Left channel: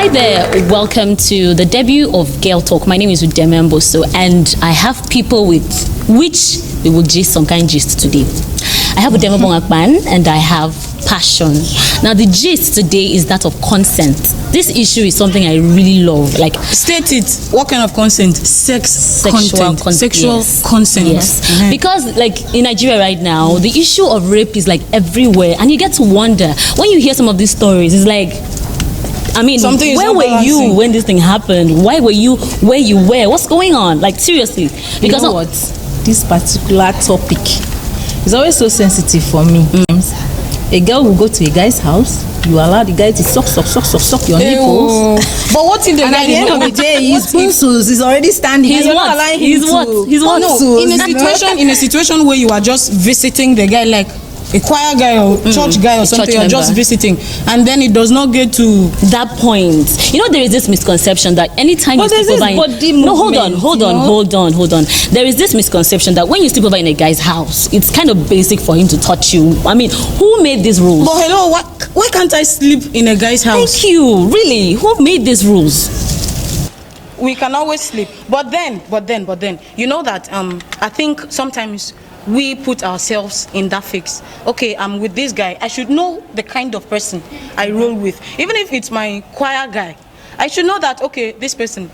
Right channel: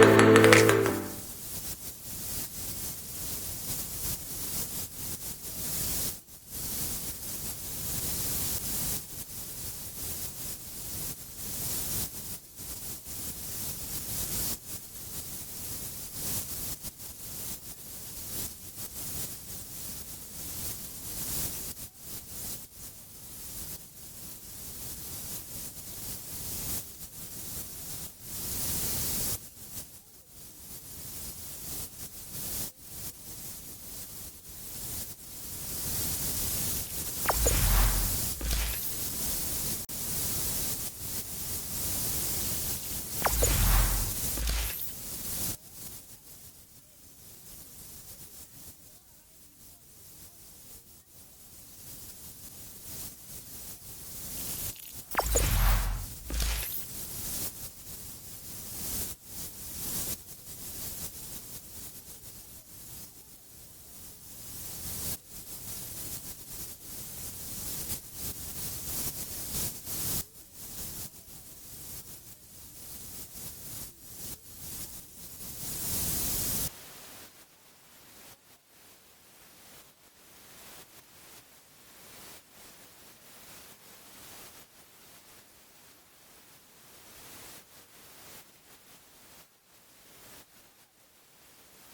Hi there, welcome to the debut of Girl Talk. My name is Udeme Mboso, and I have people with which we will gist some kind of gist today. I have Udeme Bongakpan and I have Passion. Now the gist today is that of consent. This issue is something I really love. Like, state it. What kind of consent? Sexual consent. Yes. Mm-hmm. Because like in Nigeria right now, the issue of rape is like everywhere, and you get to wonder when you hear some of these stories. It's like, I mean, where were you when this thing happened? Why were you where you were? What's going on? Like, seriously. Because you know what? This particular topic is always so sensitive for me. A girl will go to a guy's house. You allow the guy to suck your nipples. But what if the guy at the end of the day, his pencils is already standing. He's what? He's what? No, in a situation where you are just visiting the guy, like a choir guy or church guy or something, you're just visiting, and then it does not get to that point. You know, there is this misconception that anytime you sleep over hold on. There is this misconception that when you sleep over in a guy's house, it's kind of basic for him to touch you. I mean, who made these rules? But hello, why can't I sleep in a guy's house? Thank you. Really, who made these rules? We can always sleep, but then, you know that I think sometimes we put ourselves in that fix. Okay, I'm with this guy. I should know the kind of person I roll with. Even if it's my choir guy, I should know that, okay, this person.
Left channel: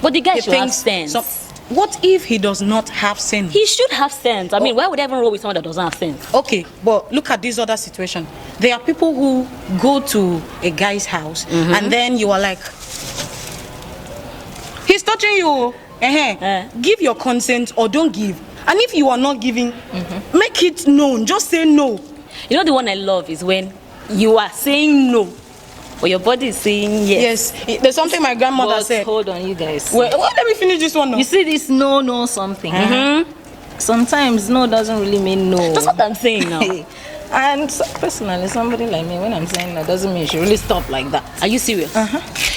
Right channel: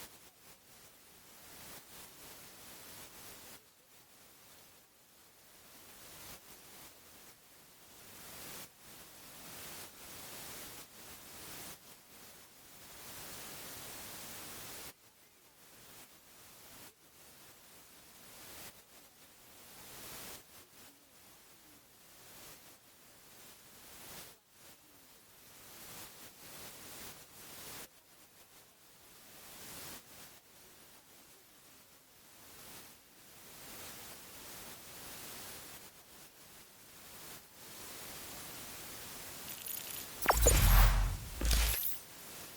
But the guy should have sense. So, what if he does not have sense? He should have sense. I mean, why would I ever roll with someone that doesn't have sense? Okay, but look at this other situation. There are people who go to a guy's house and then you are like, he's touching you. Give your consent or don't give. And if you are not giving, make it known. Just say no. You know, the one I love is when you are saying no, but your body is saying yes. Yes. There's something my grandmother said. Hold on, you guys. Well, let me finish this one now. You see this no something. Sometimes no doesn't really mean no. That's what I'm saying now. And personally, somebody like me, when I'm saying that, doesn't mean you should really stop like that. Are you serious?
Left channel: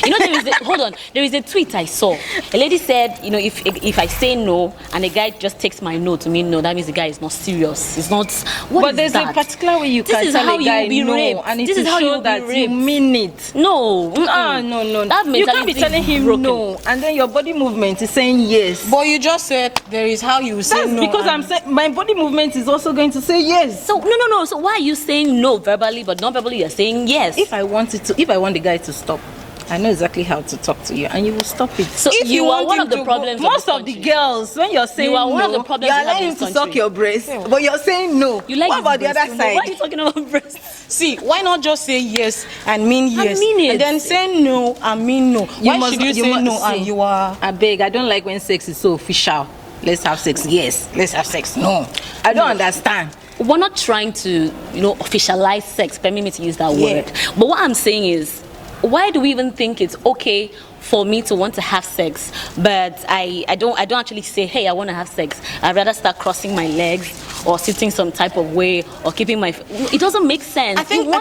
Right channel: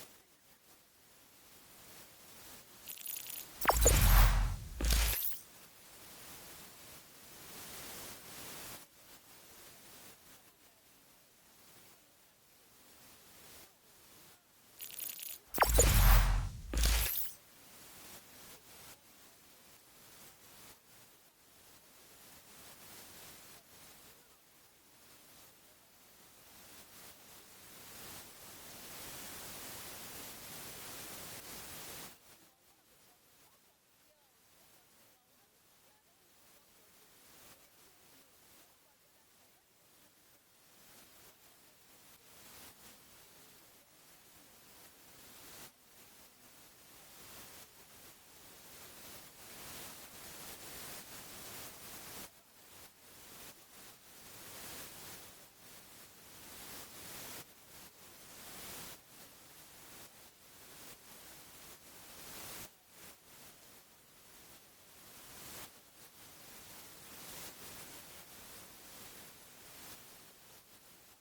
You know, there is a tweet I saw. A lady said, you know, if I say no and a guy just takes my no to mean no, that means the guy is not serious. It's not. But there's a particular way you can tell a guy no, and this is how you that you mean it. No. No. That you can't be telling him broken. no, and then your body movement is saying yes. But you just said there is how you say no. That's because I'm saying my body movement is also going to say yes. So no. So why are you saying no verbally, but non-verbally you're saying yes? If I want the guy to stop, I know exactly how to talk to you, and you will stop it. So if you are one of the problems. Most of the girls, when you're saying you are one of the problems, you're allowing him to suck your breast, but you're saying no. You like what about the other side? Why are you talking about breast? See, why not just say yes and mean yes? I mean it. And then say no and mean no. Why should you say no and you are? I beg, I don't like when sex is so official. Let's have sex. Yes. Let's have sex. No. I don't understand. We're not trying to, officialize sex. Permit me to use that word. But what I'm saying is, why do we even think it's okay for me to want to have sex, but I don't actually say, hey, I want to have sex. I'd rather start crossing my legs or sitting some type of way or keeping my... It doesn't make sense. I think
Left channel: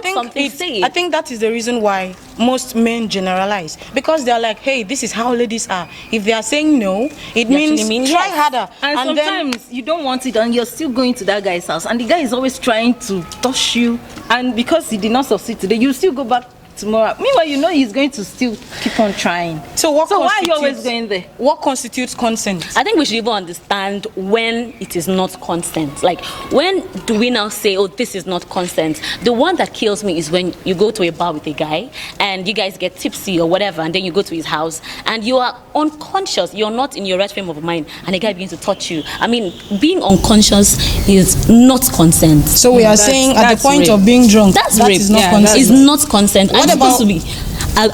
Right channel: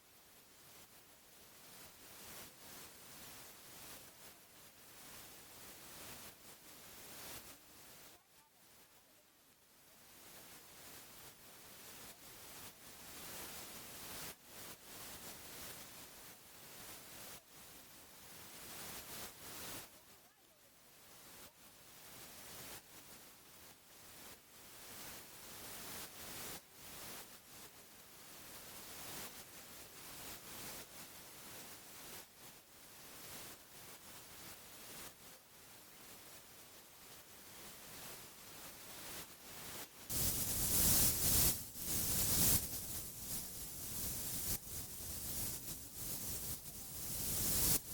that is the reason why most men generalize, because they're like, hey, this is how ladies are. If they are saying no, it means try harder. And sometimes you don't want it and you're still going to that guy's house and the guy is always trying to touch you, and because he did not succeed today, you still go back tomorrow. Meanwhile, he's going to still keep on trying. So why are you always going there? What constitutes consent? I think we should even understand when it is not consent. Like, when do we now say, oh, this is not consent? The one that kills me is when you go to a bar with a guy and you guys get tipsy or whatever, and then you go to his house and you are unconscious. You're not in your right frame of mind, and a guy begins to touch you. I mean, being unconscious is not consent. So we are saying at the point of being drunk, that's rape. Is not consent. It's not consent. I'm supposed to be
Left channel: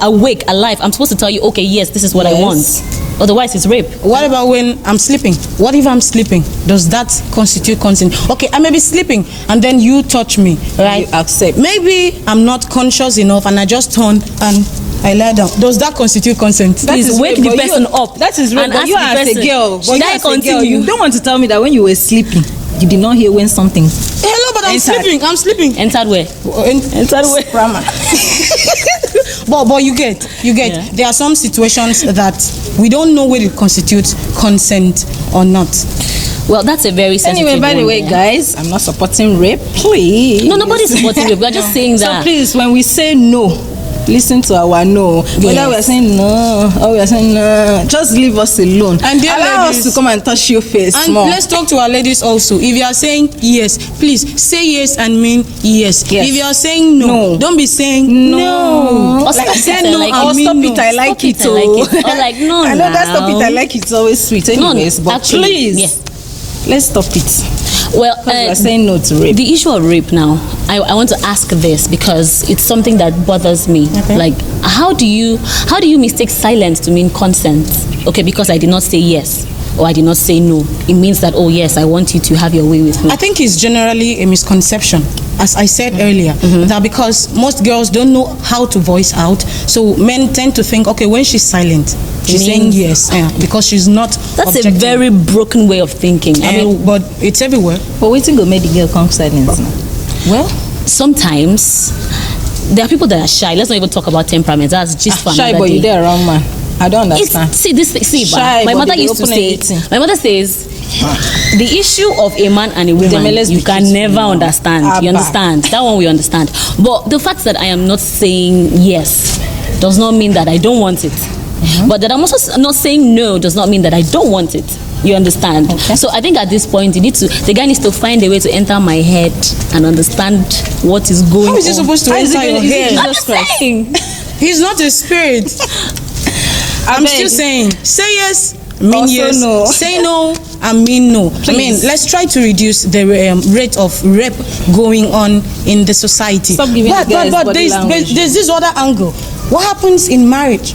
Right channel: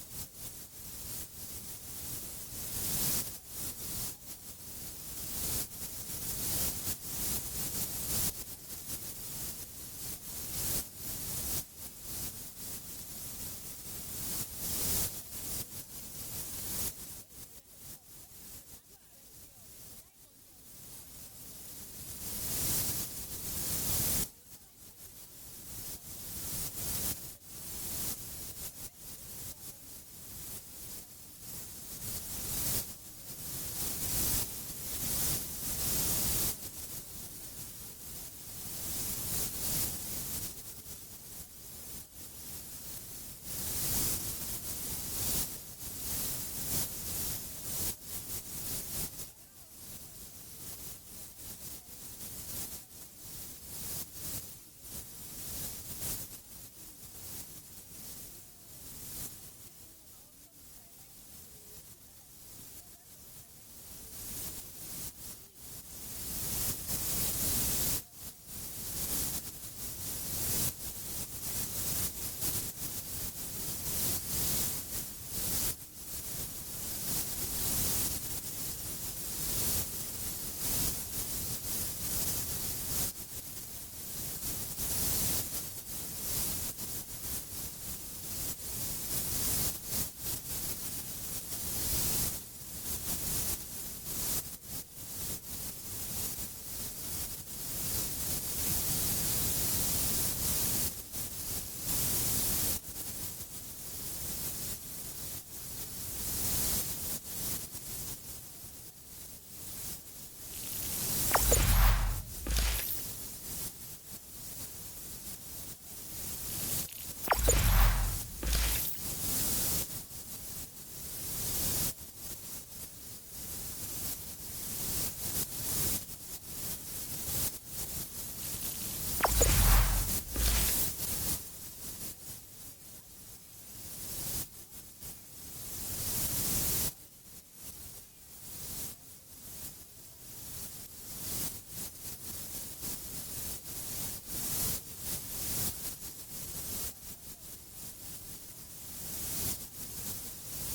awake, alive. I'm supposed to tell you, okay, yes, this is what I want. Otherwise, it's rape. What about when I'm sleeping? What if I'm sleeping? Does that constitute consent? Okay, I may be sleeping and then you touch me, right? You accept. Maybe I'm not conscious enough and I just turned and I lie down. Does that constitute consent? Please wake the person up. That is rape. But you as a girl, you don't want to tell me that when you were sleeping, you did not hear when something. Hello, but I'm sleeping. Entered where? Entered where? Grammar. But you get. Yeah. There are some situations that we don't know whether it constitutes consent or not. Well, that's a very sensitive Anyway, by the way, guys, I'm not supporting rape, please. No, nobody's supporting rape. We're just saying that. So please, when we say no, listen to our no. Whether we are saying no or we are saying no, just leave us alone. And dear allow ladies, us to come and touch your face and more. let's talk to our ladies also. If you are saying yes, please say yes and mean yes. Yes. If you are saying no, don't be saying no. Or Like, stop say it, no like, and I'll mean stop no. it, I like Stop it. it, I like it. Or like, no, I know that stop it, I now. like it. It's always sweet No, anyways, but actually, please, yes. let's stop it. Well, Because we are saying no to rape. the issue of rape now, I want to ask this because it's something that bothers me. Okay. Like, how do you mistake silence to mean consent? Okay, because I did not say yes or I did not say no, it means that, oh yes, I want you to have your way with me. I think it's generally a misconception, as I said earlier, that because most girls don't know how to voice out, so men tend to think, okay, when she's silent, she's saying yes, because she's not That's objecting. a very broken way of thinking. I mean, but it's everywhere. But waiting go make the girl come silent now. well, sometimes there are people that are shy. Let's not even talk about temperament. That's just for Shy another boy, day. you there wrong man. I don't understand. Shy, My but mother they used to open say. everything. My mother says, the issue of a man and a woman, let's be you can truthful never now. understand. Abba. You understand? That one we understand. But the fact that I am not saying yes does not mean that I don't want it. But that I'm also not saying no does not mean that I don't want it. You understand? Okay. So I think at this point, the guy needs to find a way to enter my head and understand what is going on. How is he supposed to How is enter it your going- is it head? Jesus I'm just Christ? saying. He's not a spirit. I'm beg. still saying, say yes, mean Also yes, no. say no, and mean no. I mean, Please. let's try to reduce the rate of rape going on in the society. Stop giving the guys but body language. there's this other angle. What happens in marriage?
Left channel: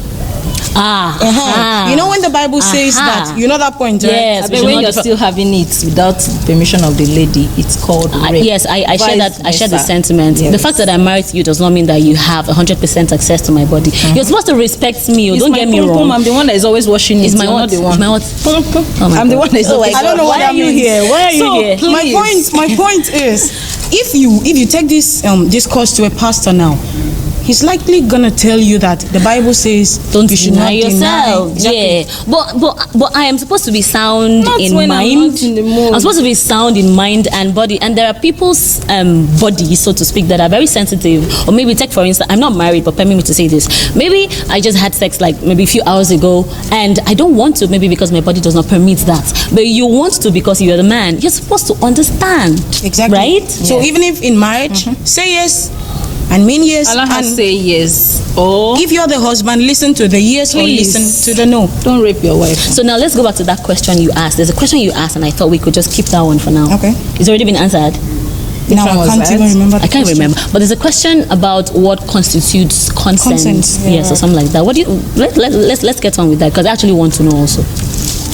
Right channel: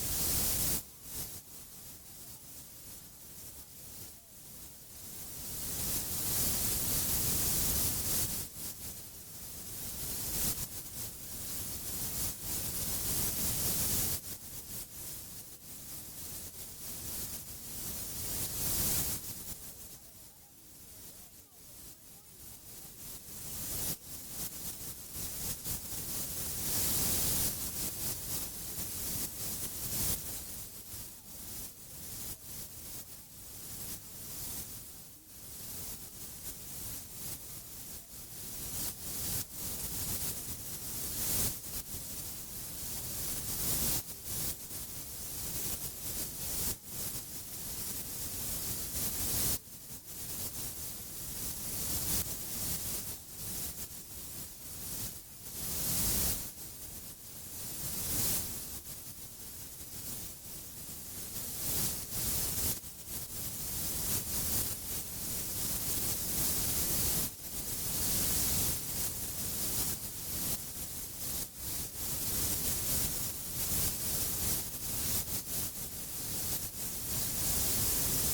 Ah. You know when the Bible says that, you know that point, right? Yes. I we mean, should when not you're differ- still having it without permission of the lady, it's called rape. Yes, I share that. I share the Vice versa. sentiment. Yes. The fact that I'm married to you does not mean that you have 100% access to my body. You're supposed to respect me. It's Don't my get me pom-pom, wrong. I'm the one that is always washing it. It's my You're what? not the one. It's my what? Pom-pom. Oh my I'm the God. one that is Oh always. my I don't know what Why that are you means. here? Why are you So, here? please. My point is, if you take this discourse to a pastor now, he's likely gonna tell you that the Bible says Don't you should deny not yourself. Exactly. Yeah, but I am supposed to be sound Not in when I'm mind. not in the mood. I'm supposed to be sound in mind and body, and there are people's bodies, so to speak, that are very sensitive. Or maybe take for instance, I'm not married, but permit me to say this. Maybe I just had sex like maybe a few hours ago, and I don't want to, maybe because my body does not permit that. But you want to because you're the man. You're supposed to understand. Exactly. Right? So even if in marriage, say yes and mean yes. Allah has And say yes. Or if you're the husband, listen to the yes Please. or listen to the no. don't rape your wife. So now let's go back to that question you asked. There's a question you asked, and I thought we could just keep that one for now. Okay. It's already been answered. Which Now one I was can't that? even remember. I can't remember, but there's a question about what constitutes consent. Consent, yeah. Yes, or something like that. What do you? Let's get on with that because I actually want to know also.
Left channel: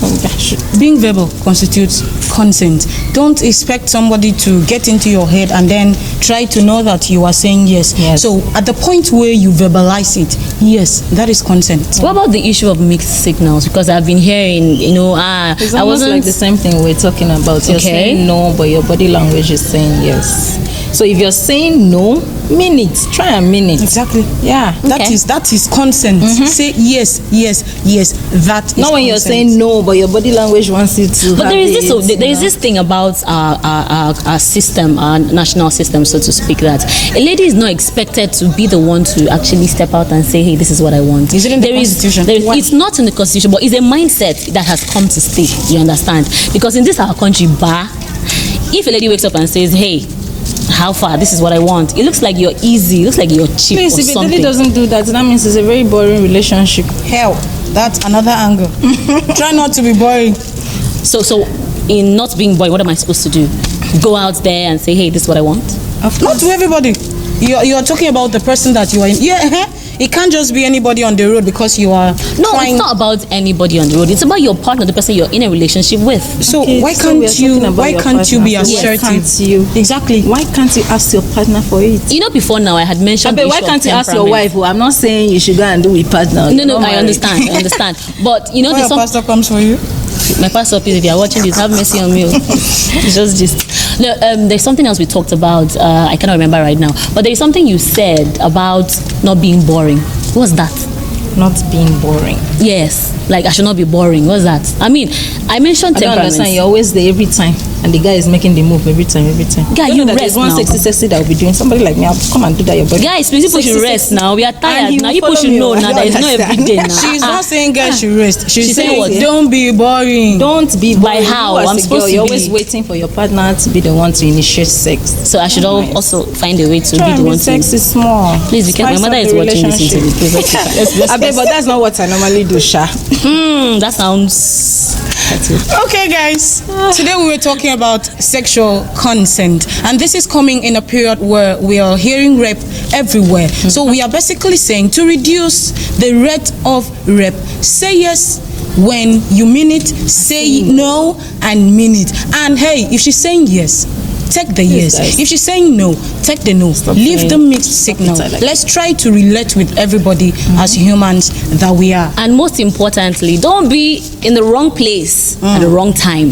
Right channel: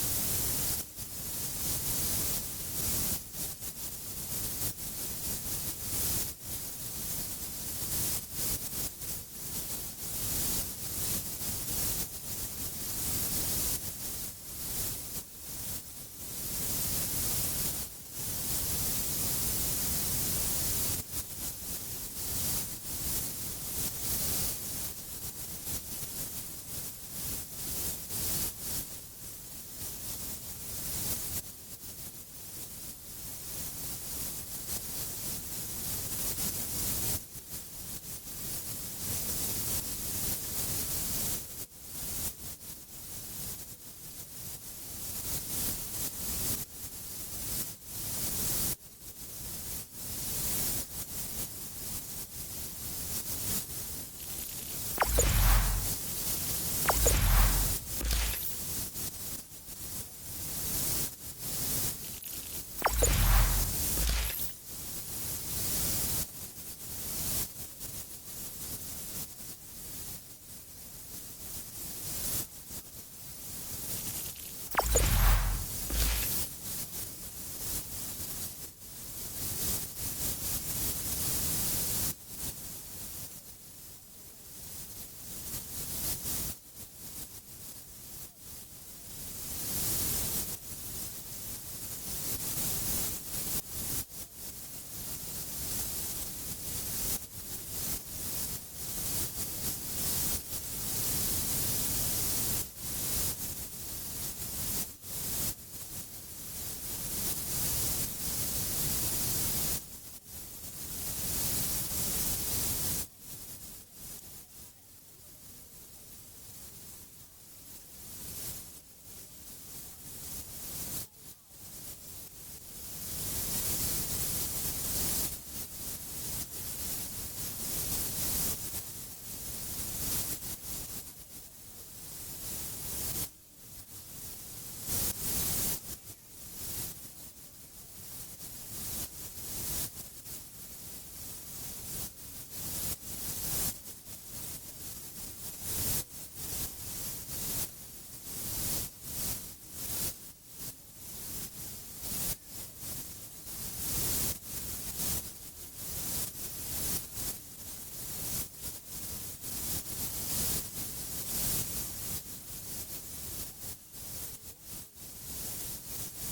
Oh, gosh. Being verbal constitutes consent. Don't expect somebody to get into your head and then try to know that you are saying yes. Yes. So at the point where you verbalize it, yes, that is consent. What about the issue of mixed signals? Because I've been hearing, It's I almost wasn't. like the same thing we're talking about. You're Okay. saying no, but your body language is saying yes. So if you're saying no, mean it. Try and mean it. Exactly. Yeah. Okay. That is consent. Say yes, yes, yes. That is Not when you're consent. saying no, but your body language wants you to. But have there is this. it, So you there is know. this thing about our system, our national system, so to speak. That a lady is not expected to be the one to actually step out and say, "Hey, this is what I want." Is it in the There is- Constitution? there is- Why? it's not in the Constitution, but it's a mindset that has come to stay. You understand? Because in this our country, if a lady wakes up and says, "Hey, how far? This is what I want," it looks like you're easy. It looks like you're cheap Please, or if a something. lady doesn't do that, that means it's a very boring relationship. Hell, that's another angle. Try not to be boring. So in not being boy, what am I supposed to do? Go out there and say, "Hey, this is what I want." Not to everybody. You're talking about the person that you are in. Yeah, it can't just be anybody on the road because you are No, trying. it's not about anybody on the road. It's about your partner, the person you're in a relationship with. So Okay, why so we are can't you? talking about Why your can't you partner. be Why assertive? can't you? Exactly. Why can't you ask your partner for it? You know, before now I had mentioned. But the why issue of can't you ask your temperament. wife? Oh, I'm not saying you should go and do with partner. No, You're no, not I married. understand. I understand. But you know, When there's your some. pastor comes for you, My pastor, please, if you are watching this, have mercy on me. It's just. No, there's something else we talked about. I cannot remember right now. But there's something you said about not being boring. What's that? Not being boring. Yes, like I should not be boring. What's that? I mean, I mentioned I don't temperament. understand. You're always there every time. and the guy is making the move every time. Guy, Don't you know that rest there's one now. sexy that will be doing. Somebody like me, I'll come and do that. Your body. Guys, please, people should rest now. We are tired now. People should know now that it's not every day now. She's not saying guys should rest. She's saying what? don't be boring. Don't be By boring. how? You as I'm a supposed girl, to you're be- always waiting for your partner to be the one to initiate sex. So I should also find a way to Try be and the be one to. sexy small. Please, be careful. My Spice mother up is the watching this relationship. interview. Please, let's I bet, but that's not what I normally do, Sha. That sounds. Okay, guys. Today we were talking about sexual consent, and this is coming in a period where we are hearing rape everywhere. So we are basically saying to reduce the rate of rape, say yes when you mean it, say no and mean it. And hey, if she's saying yes, take the yes. guys. If she's saying no, take the no. Leave saying- the mixed signal. like Let's try to relate with everybody as humans that we are. And most importantly, don't be in the wrong place at the wrong time.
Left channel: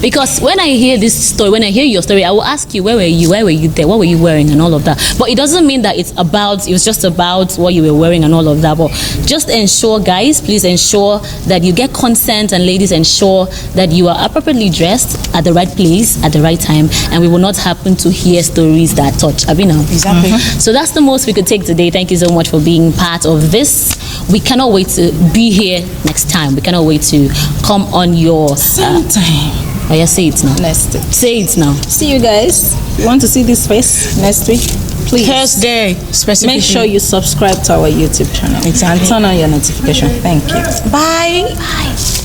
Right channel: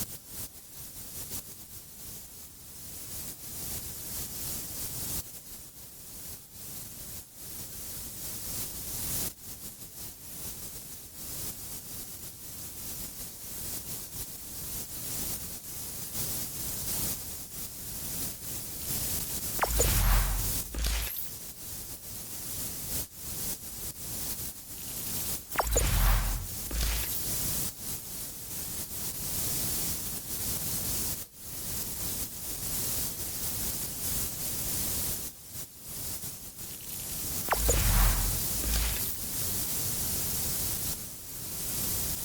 Because when I hear this story, when I hear your story, I will ask you, where were you? Where were you there? What were you wearing? And all of that. But it doesn't mean that it was just about what you were wearing and all of that. But just ensure, guys, please ensure that you get consent, and ladies, ensure that you are appropriately dressed at the right place at the right time, and we will not happen to hear stories that touch. Abina. Exactly. So that's the most we could take today. Thank you so much for being part of this. We cannot wait to be here next time. We cannot wait to come on your Sometime. Oh yeah, say it now. Next week. Say it now. See you guys. You want to see this face next week? Please. Thursday, specifically. Make sure you subscribe to our YouTube channel. Exactly. And turn on your notification. Thank you. Bye. Bye.